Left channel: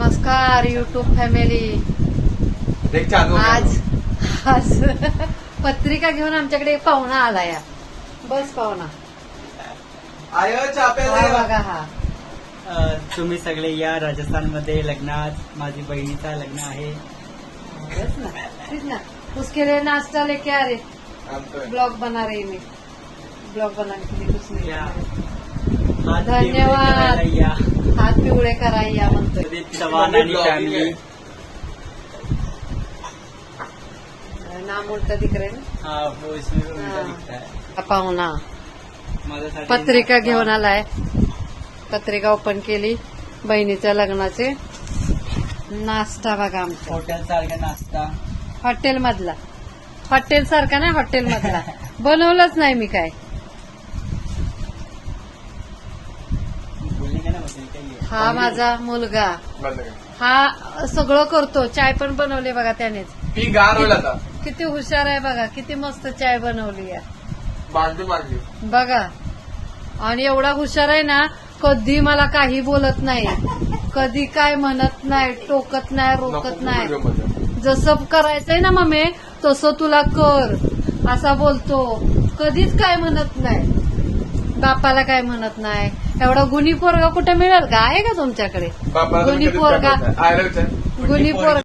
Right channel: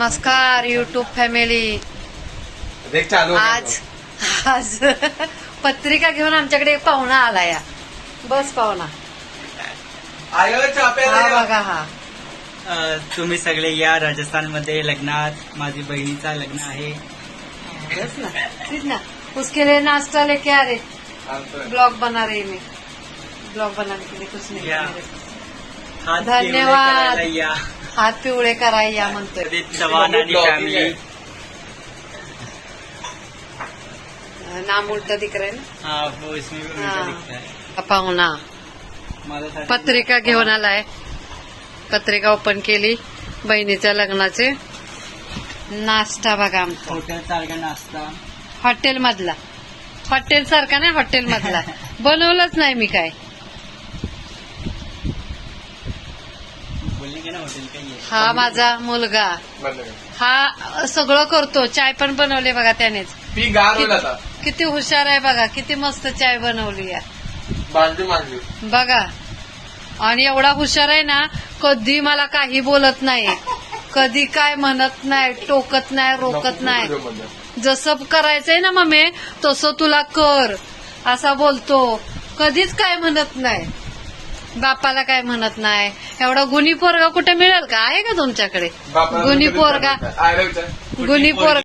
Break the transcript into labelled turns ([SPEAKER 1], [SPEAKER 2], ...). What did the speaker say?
[SPEAKER 1] नमस्कार YouTube family. आज पत्रिका घेऊन आमच्याकडे एक पाहुणा आला या. बस पाहुणा बघा. हा
[SPEAKER 2] तुम्ही सगळे या राजस्थानमध्ये लग्नात. माझी बहिणीचा लग्न आहे.
[SPEAKER 1] बस ना, ठीक ना. उसके लिए नाश्ता लेके आ रहे. ब्लॉग बना रही मैं. ब्लॉग बनाने के लिए कुछ नहीं.
[SPEAKER 2] हात
[SPEAKER 1] धन्यवाद.
[SPEAKER 2] पिवळे या.
[SPEAKER 1] हात पिवळे कराय या म्हणतोय.
[SPEAKER 2] प्रदीप चव्हाण आणि फॅमिली.
[SPEAKER 1] नाम उलट दिख रहे ना.
[SPEAKER 2] हाँ वो इसमें भी उल्टा दिखता है.
[SPEAKER 1] हा पाहुणा
[SPEAKER 2] माझ्यासाठी
[SPEAKER 1] पत्रिका घेऊन आलाय. पत्रिका ओपन केली बहिणीच्या लग्नाचे. नाश्ता बघा आमचा
[SPEAKER 2] हॉटेल सारखा नाश्ता.
[SPEAKER 1] हॉटेल मधला. हॉटेल सारखा नाही, हॉटेल मधला. बनवलंच नाही मी काय.
[SPEAKER 2] बोलणे का ना हॉटेल काही आहे.
[SPEAKER 1] हा माझा मुलगा. हा सगळं करतो. चाय पण बनवली बघा त्यानेच.
[SPEAKER 3] ती गार होईल आता.
[SPEAKER 1] किती हुशार आहे बघा. किती मस्त चाय बनवली आहे
[SPEAKER 3] मांडली
[SPEAKER 1] बघा. आणि एवढा हुशार आहे ना, कधी मला काही बोलत नाही, कधी काय म्हणत नाही, टोकत नाही, रोकत नाही. जसं करायचंय ना मम्मी तसं तुला कर असा बोलतो. कधीच काय म्हणत नाही. बापाला काय म्हणत नाही. एवढा गुणी पोरगा कुठे मिळेल का? आहे का तुमच्याकडे गुणी पोरगा? गुणी पोरगा